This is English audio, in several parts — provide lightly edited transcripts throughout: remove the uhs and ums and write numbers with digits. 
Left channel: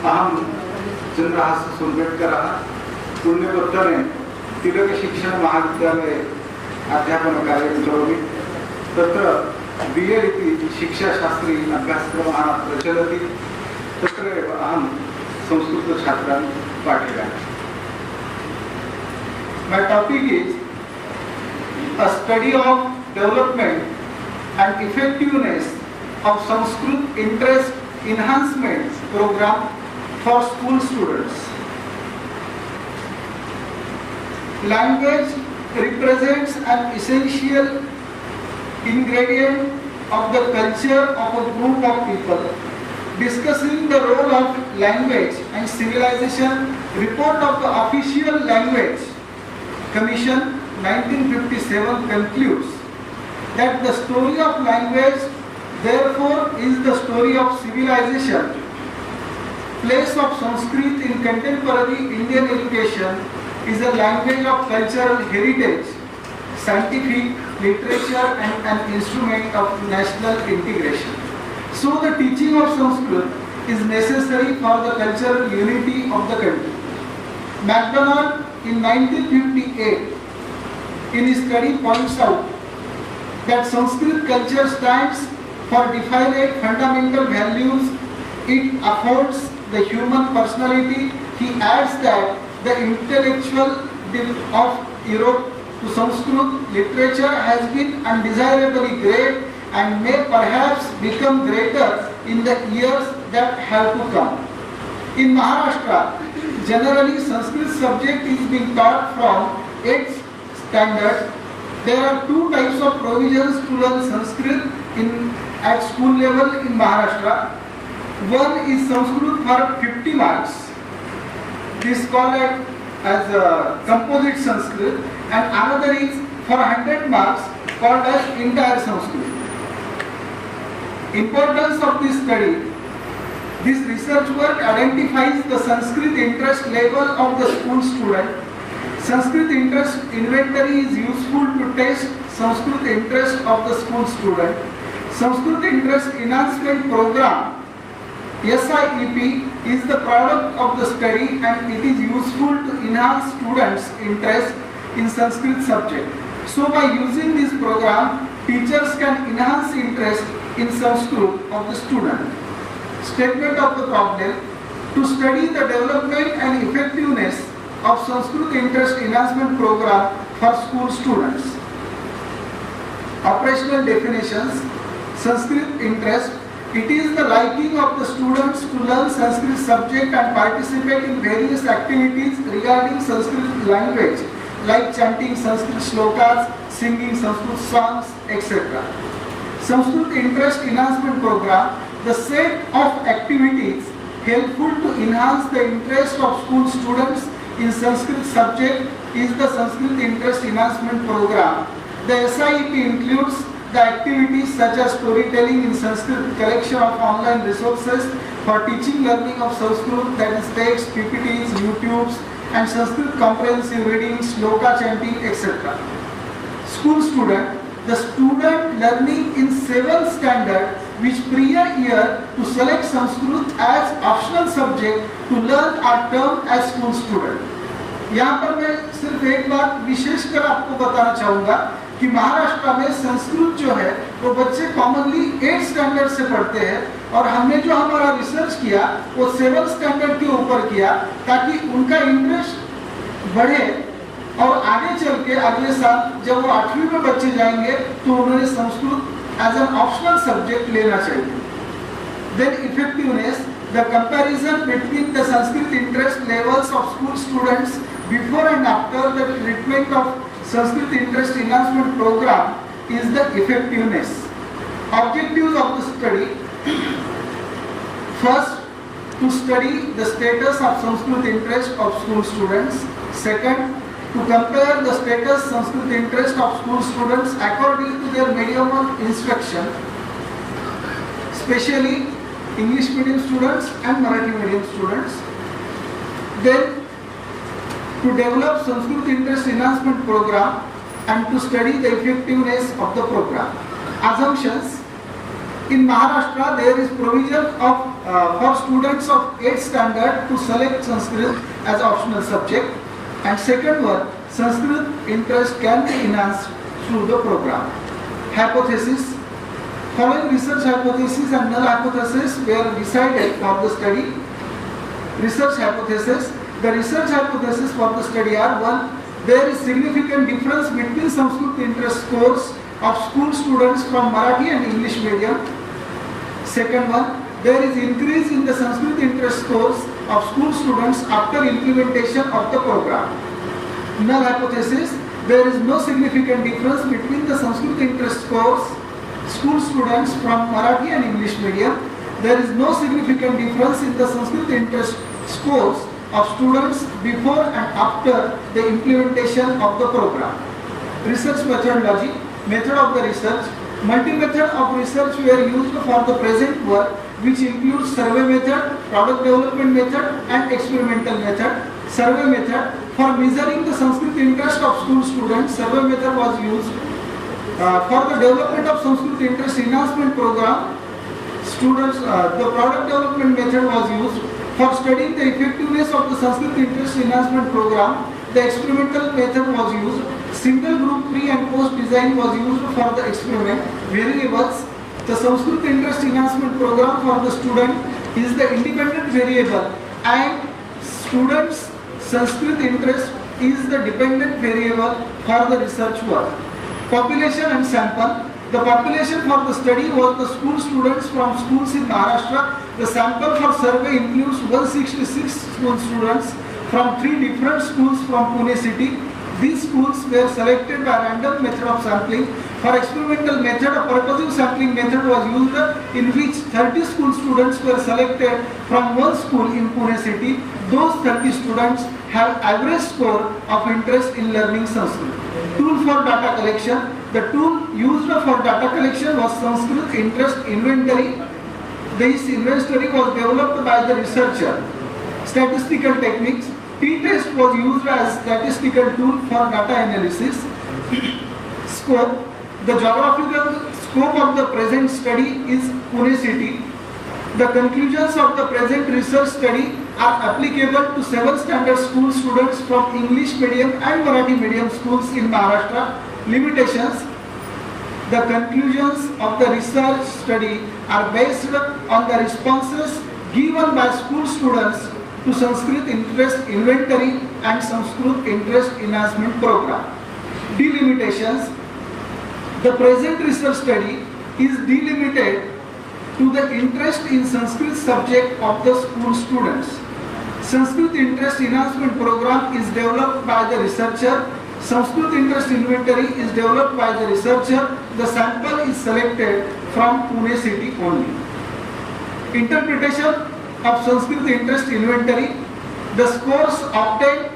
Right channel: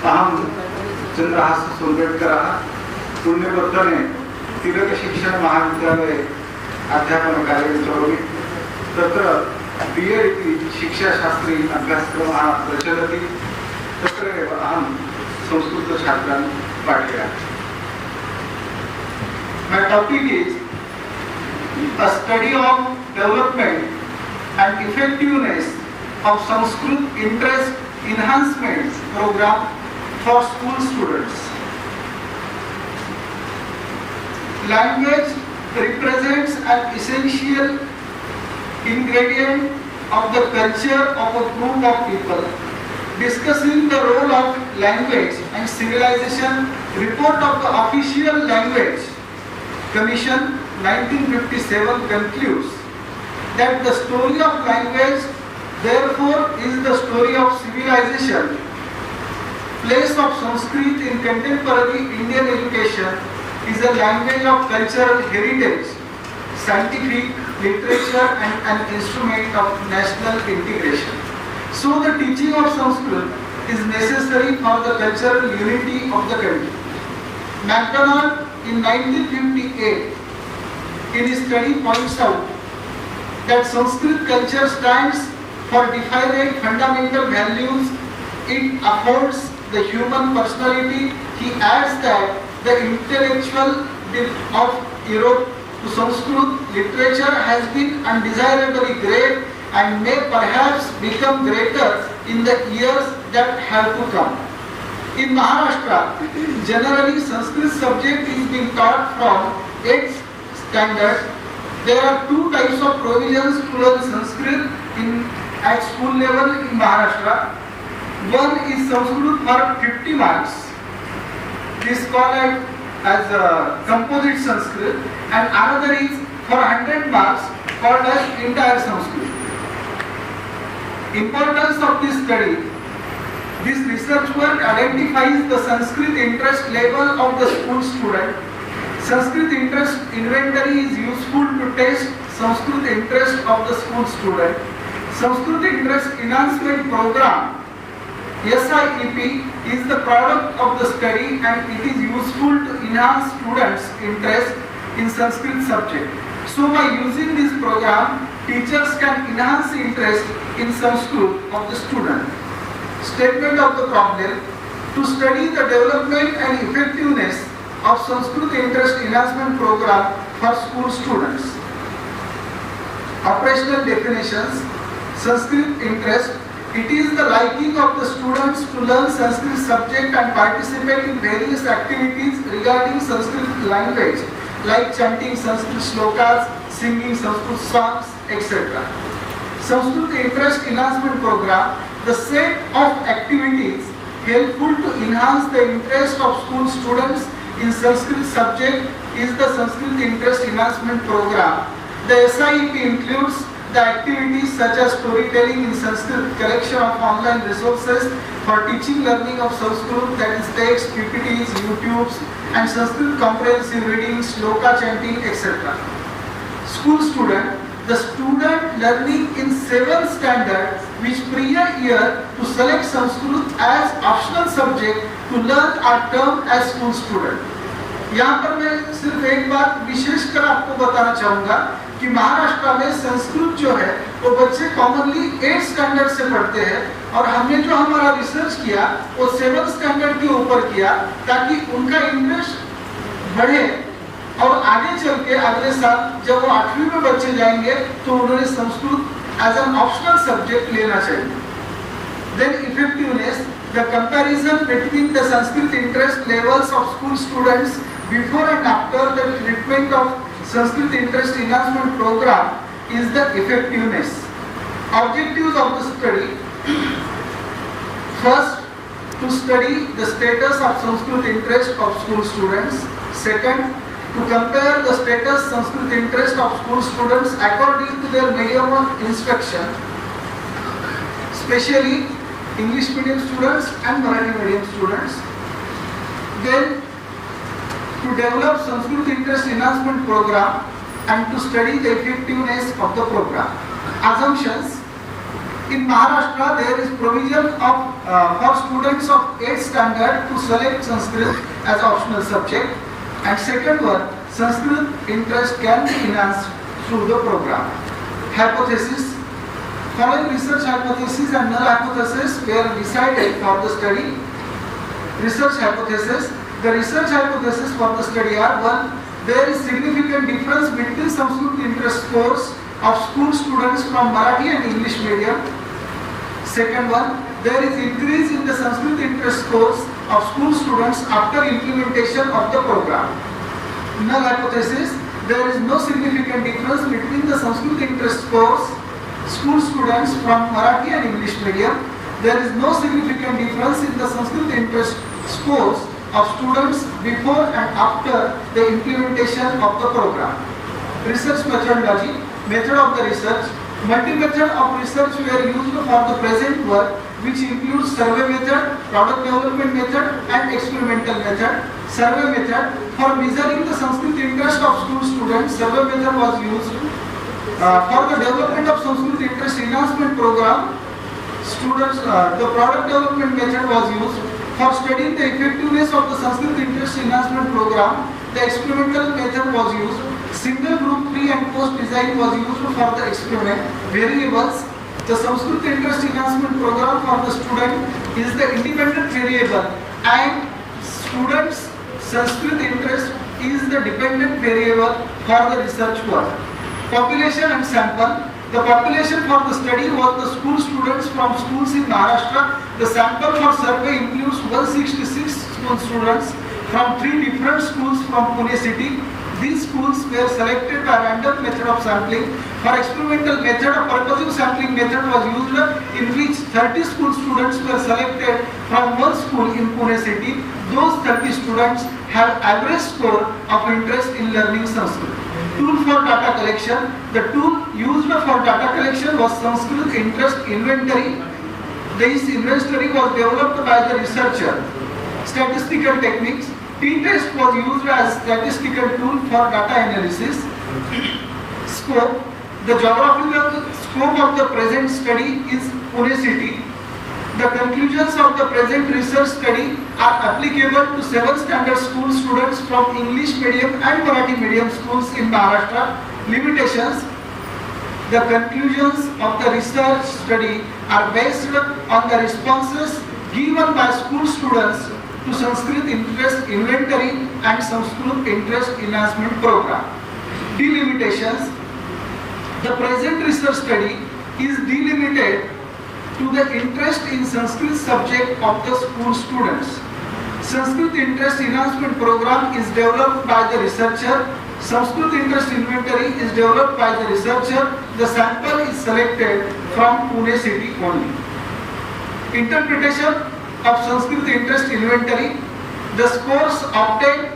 अहं चन्द्रहास सुर्वेट्करः पुण्यपत्तने तिलकशिक्षण महाविद्यालये अध्यापनकार्यं करोमि। तत्र B.Ed इति शिक्षाशास्त्री अभ्यासक्रमः प्रचलति। तत्र एव अहं संस्कृतछात्रान् पाठयामि। My topic is a study of development and effectiveness of Sanskrit interest enhancement program for school students. Language represents an essential ingredient of the culture of a group of people. Discussing the role of language and civilization, report of the Official Language Commission 1957 concludes that the story of language therefore is the story of civilization. Place of Sanskrit in contemporary Indian education is a language of cultural heritage, scientific literature and an instrument of national integration. So the teaching of Sanskrit is necessary for the cultural unity of the country. MacDonald in 1958 in his study points out that Sanskrit culture stands for defining fundamental values. It affords the human personality. He adds that the intellectual depth of Europe to Sanskrit literature has been undesirably great and may perhaps become greater in the years that have to come. In Maharashtra, generally Sanskrit subject is being taught from 8th standard. There are two types of provisions to learn Sanskrit at school level in Maharashtra. One is Sanskrit for 50 marks. This is called as composite Sanskrit, and another is for 100 marks called as entire Sanskrit. Importance of this study. This research work identifies the Sanskrit interest level of the school student. Sanskrit interest inventory is useful to test Sanskrit interest of the school student. Sanskrit interest enhancement program SIEP is the product of the study and it is useful to enhance students' interest in Sanskrit subject. So by using this program, teachers can enhance interest in Sanskrit of the student. Statement of the problem: to study the development and effectiveness of Sanskrit interest enhancement program for school students. Operational definitions: Sanskrit interest. It is the liking of the students to learn Sanskrit subject and participate in various activities regarding Sanskrit language, like chanting Sanskrit shlokas, singing Sanskrit songs, etc. Sanskrit interest enhancement program, the set of activities helpful to enhance the interest of school students in Sanskrit subject is the Sanskrit interest enhancement program. The SIEP includes the activities such as storytelling in Sanskrit, collection of online resources for teaching learning of Sanskrit, that is text, PPTs, YouTubes, and Sanskrit comprehensive reading, shloka chanting, etc. School student, the student learning in 7th standard, which prior year to select Sanskrit as optional subject to learn are termed as school student. यहाँ पर मैं सिर्फ एक बात विशेषकर आपको बताना चाहूँगा कि महाराष्ट्र में संस्कृत जो है वो बच्चे कॉमनली 8th स्टैंडर्ड से पढ़ते हैं और हमने जो हमारा रिसर्च किया वो 7th स्टैंडर्ड के ऊपर किया ताकि उनका इंटरेस्ट बढ़े और आगे चल के अगले साल जब वो 8वीं में बच्चे जाएंगे तो उन्होंने Sanskrit as an optional subject लेना चाहिए. Then effectiveness, the comparison between the Sanskrit interest levels of school students before and after the treatment of Sanskrit interest enhancement program is the effectiveness. Objectives of the study: first, to study the status of Sanskrit interest of school students. Second, to compare the status Sanskrit interest of school students according to their medium of instruction, especially English medium students and Marathi medium students. Then, to develop Sanskrit interest enhancement program and to study the effectiveness of the program. Assumptions: In Maharashtra, there is provision of for students of 8th standard to select Sanskrit as optional subject. And second one, Sanskrit interest can be enhanced through the program. Hypothesis. Following research hypothesis and null hypothesis were decided for the study. Research hypothesis. The research hypothesis for the study are: 1. There is significant difference between Sanskrit interest scores of school students from Marathi and English medium. Second one, there is increase in the Sanskrit interest scores of school students after implementation of the program. Null hypothesis, there is no significant difference between the Sanskrit interest scores school students from Marathi and English medium. There is no significant difference in the Sanskrit interest scores of students before and after the implementation of the program. Research methodology. Method of the research. Multi-method of research were used for the present work, which includes survey method, product development method and experimental method. Survey method. For measuring the Sanskrit interest of school students, survey method was used. For the development of Sanskrit interest enhancement program, the product development method was used. For studying the effectiveness of the Sanskrit interest enhancement program, the experimental method was used. Single group pre and post design was used for the experiment. Variables. The Sanskrit interest enhancement program for the student is the independent variable and students' Sanskrit interest is the dependent variable for the research work. Population and sample. The population for the study was the school students from schools in Maharashtra. The sample for survey includes 166 school students from 3 different schools from Pune city. These schools were selected by random method of sampling. For experimental method, a purposive sampling method was used in which 30 school students were selected from one school in Pune city. Those 30 students have average score of interest in learning Sanskrit. Tool for data collection. The tool used for data collection was Sanskrit interest inventory. This inventory was developed by the researcher. Statistical techniques. T-test was used as statistical tool for data analysis. Scope. The geographical scope of the present study is Pune city. The conclusions of the present research study are applicable to 7th standard school students from English medium and Marathi medium schools in Maharashtra. Limitations. The conclusions of the research study are based on the responses given by school students to Sanskrit interest inventory and Sanskrit interest enhancement program. Delimitations. The present research study is delimited to the interest in Sanskrit subject of the school students. Sanskrit interest enhancement program is developed by the researcher. Sanskrit interest inventory is developed by the researcher. The sample is selected from Pune city only. Interpretation of Sanskrit interest inventory. The scores obtained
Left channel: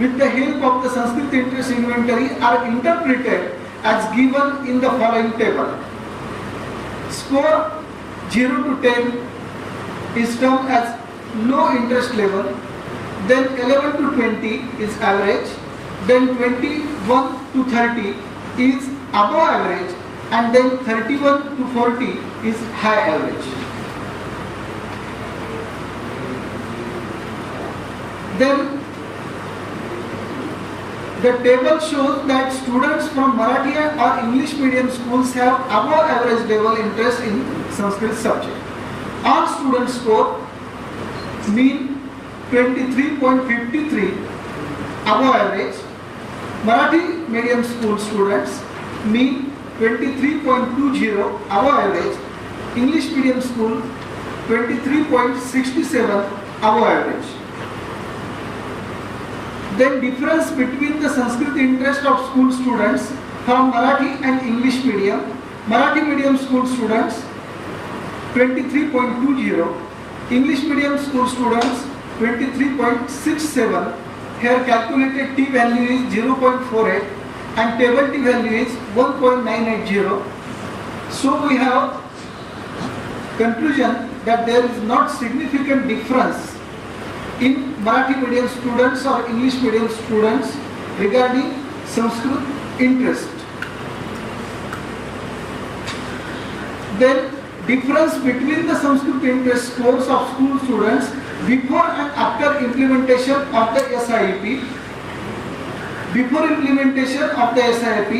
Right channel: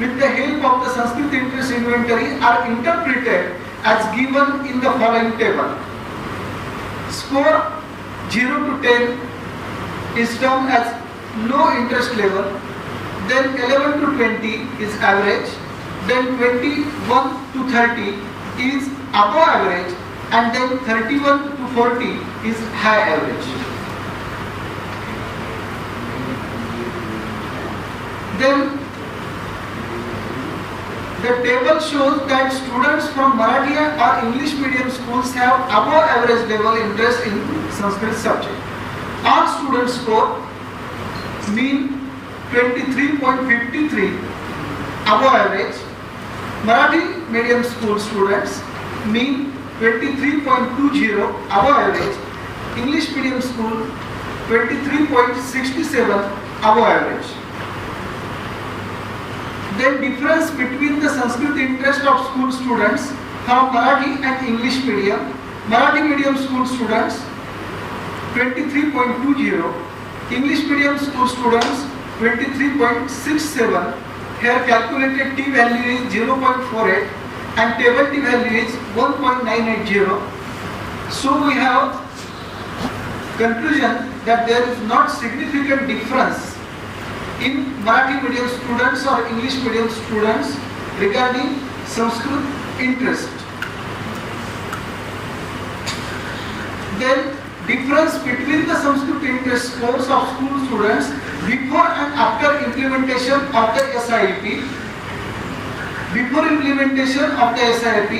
with the help of the Sanskrit interest inventory are interpreted as given in the following table. Score 0 to 10 is termed as low interest level, then 11 to 20 is average, then 21 to 30 is above average, and then 31 to 40 is high average. Then the table shows that students from Marathi or English medium schools have above average level interest in Sanskrit subject. All student score mean 23.53 above average. Marathi medium school students mean 23.20 above average. English medium school 23.67 above average. Then difference between the Sanskrit interest of school students from Marathi and English medium. Marathi medium school students 23.20, English medium school students 23.67. Here calculated T value is 0.48 and table T value is 1.980. So we have conclusion that there is not significant difference in Marathi medium students or English medium students regarding Sanskrit interest. Then difference between the Sanskrit interest scores of school students before and after implementation of the SIP. Before implementation of the SIP,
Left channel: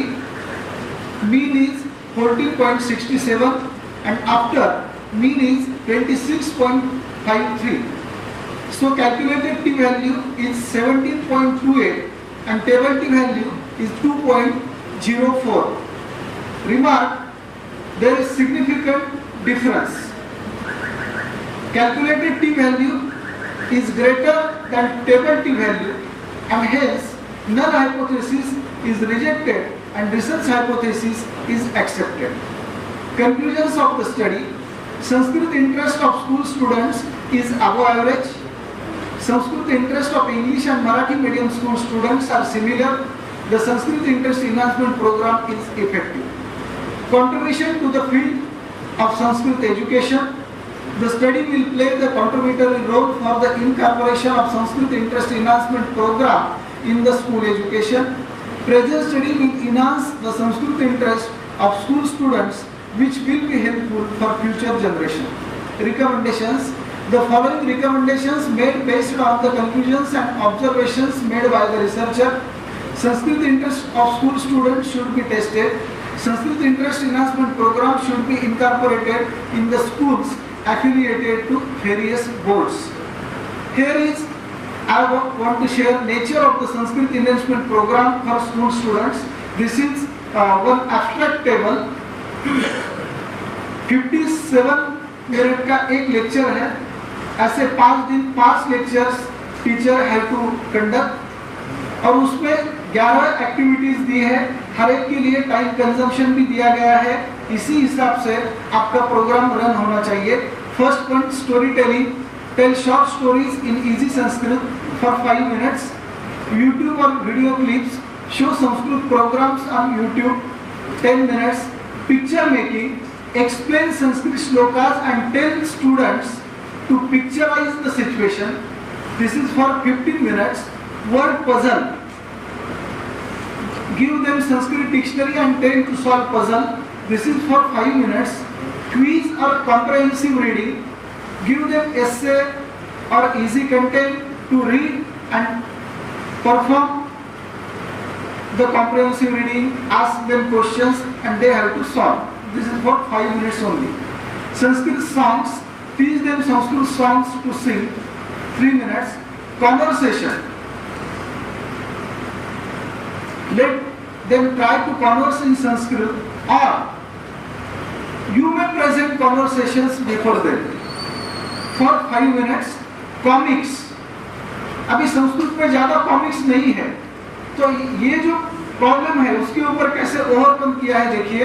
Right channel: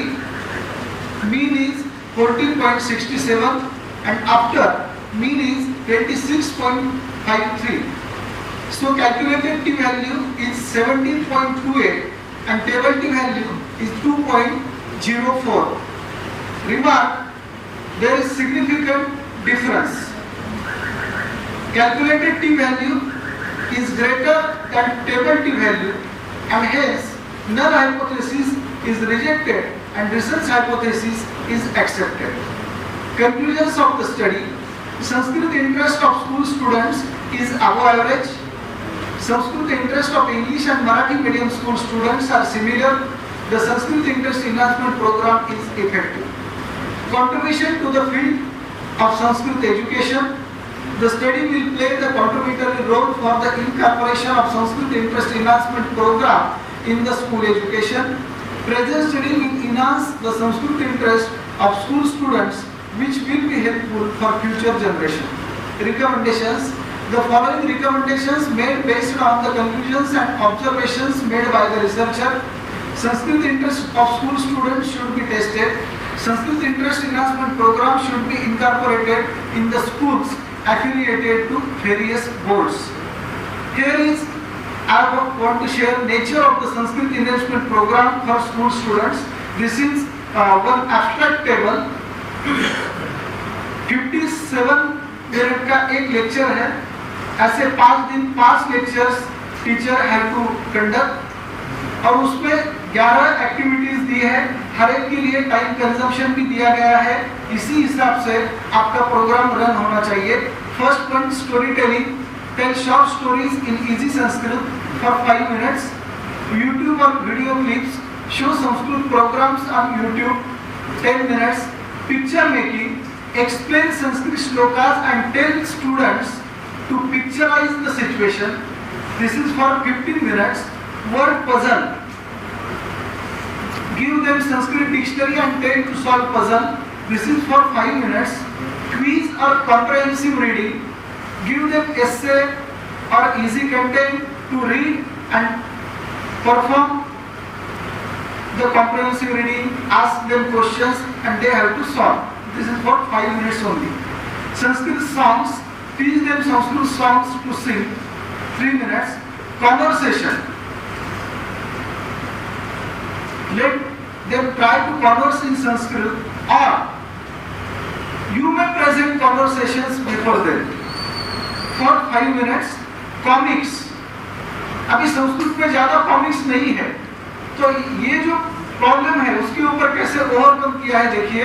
mean is 14.67 and after mean is 26.53. So calculated T value is 17.28 and table T value is 2.04. Remark, there is significant difference. Calculated T value is greater than table T value and hence null hypothesis is rejected and research hypothesis is accepted. Conclusions of the study: Sanskrit interest of school students is above average. Sanskrit interest of English and Marathi medium school students are similar. The Sanskrit interest enhancement program is effective. Contribution to the field of Sanskrit education: the study will play the contributory role for the incorporation of Sanskrit interest enhancement program in the school education. Present study will enhance the Sanskrit interest of school students, which will be helpful for future generation. Recommendations: the following recommendations made based on the conclusions and observations made by the researcher. Sanskrit interest of school students should be tested. Sanskrit interest enhancement program should be incorporated in the schools affiliated to various boards. Here is, I want to share nature of the Sanskrit enhancement program for school students. This is one abstract table. 57 minute का एक lecture है. ऐसे 5 दिन 5 lectures teacher have to conduct और उसमें 11 activities दी है. हर एक के लिए टाइम कंजम्पशन भी दिया गया है. इसी हिसाब से आपका प्रोग्राम रन होना चाहिए. First point, story telling. Tell short stories in easy Sanskrit for 5 minutes. YouTube और video clips. Show Sanskrit programmes on YouTube 10 minutes. Picture making. Explain Sanskrit shlokas and tell students to picturize the situation. This is for 15 minutes. Word puzzle. Give them Sanskrit dictionary and tell to solve puzzle. This is for 5 minutes. Quiz or comprehensive reading. Give them essay or easy content to read and perform the comprehensive reading. Ask them questions and they have to solve. This is for 5 minutes only. Sanskrit songs. Teach them Sanskrit songs to sing. 3 minutes. Conversation. Let them try to converse in Sanskrit or you may present conversations before them. For 5 minutes. Comics. अभी संस्कृत में ज्यादा comics नहीं है, तो ये जो problem है उसके ऊपर कैसे ओवरकम किया है देखिए.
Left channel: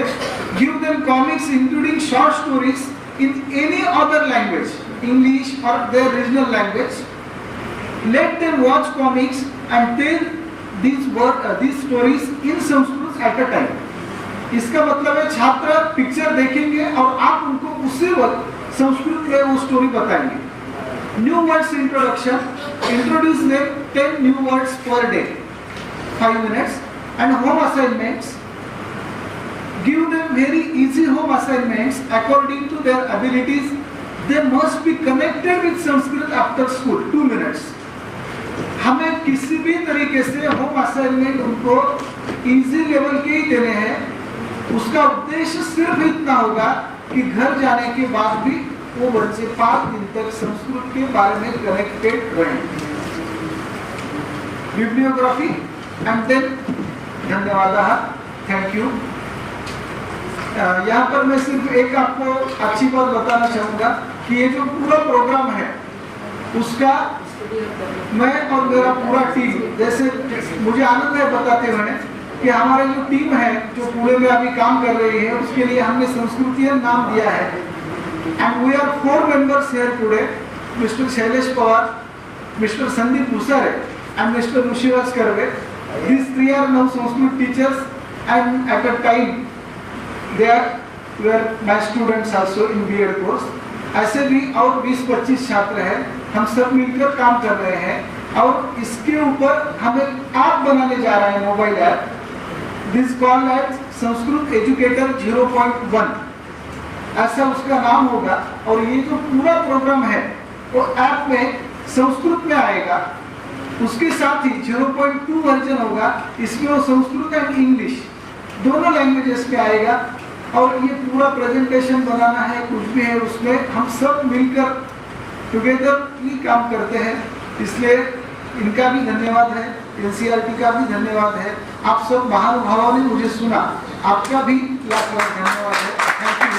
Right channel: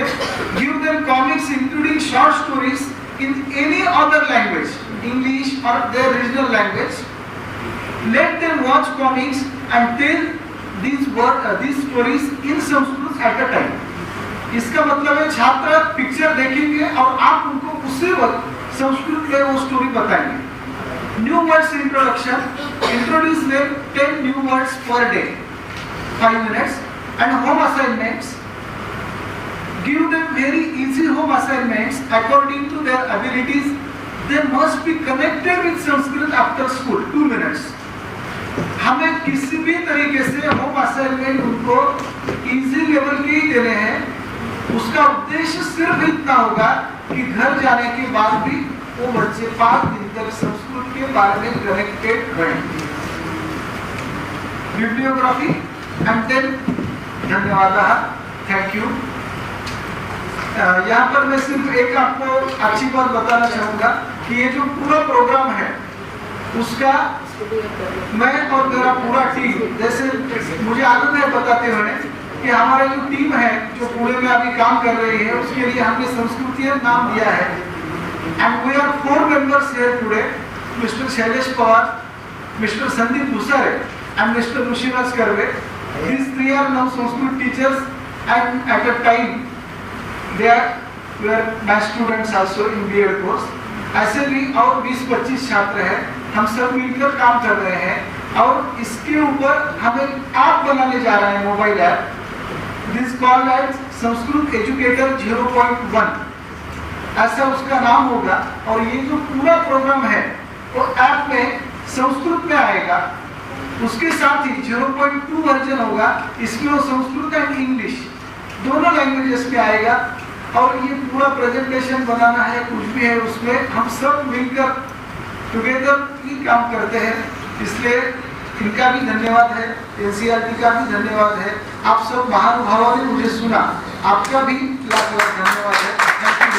Give them comics including short stories in any other language, English और their regional language. Let them watch comics and tell these stories in Sanskrit at a time. इसका मतलब है छात्र पिक्चर देखेंगे और आप उनको उसी वक्त संस्कृत में वो स्टोरी बताएंगे. New words introduction. Introduce them 10 new words per day. 5 minutes. And home assignments. Give them very easy home assignments according to their abilities. They must be connected with Sanskrit after school. 2 minutes. हमें किसी भी तरीके से home assignment उनको easy level के ही देने हैं. उसका उद्देश्य सिर्फ इतना होगा कि घर जाने के बाद भी वो बच्चे 5 दिन तक संस्कृत के बारे में कनेक्टेड रहें. बिब्लियोग्राफी एंड देन धन्यवाद. Thank you. यहाँ पर मैं सिर्फ एक आपको अच्छी बात बताना चाहूंगा कि ये जो पूरा प्रोग्राम है उसका मैं और मेरा पूरा टीम, जैसे मुझे आनंद है बताते हुए कि हमारा जो टीम है जो पुणे में अभी काम कर रही है उसके लिए हमने संस्कृतियन नाम दिया है. And we are 4 members here today. Mr Shailesh Pawar, Mr Sandeep Bhusare and Mr Rishiraj Karve. These 3 are now Sanskrit teachers and at a time they were my students also in B.Ed course. ऐसे भी और 20-25 छात्र हैं. हम सब मिलकर काम कर रहे हैं और इसके ऊपर हम एक ऐप बनाने जा रहे हैं, mobile app. This called as Sanskrit Educator 0.1. ऐसा उसका नाम होगा। और ये जो पूरा प्रोग्राम है वो ऐप में संस्कृत में आएगा। उसके साथ ही 0.2 वर्जन होगा, इसमें वो संस्कृत एंड इंग्लिश दोनों लैंग्वेजेस में आएगा। और ये पूरा प्रेजेंटेशन बनाना है, कुछ भी है उसमें हम सब मिलकर टुगेदर ही काम करते हैं। इसलिए इनका भी धन्यवाद है, एनसीईआरटी का भी धन्यवाद है। आप सब महानुभावों ने मुझे सुना, आपका भी लाख लाख धन्यवाद है।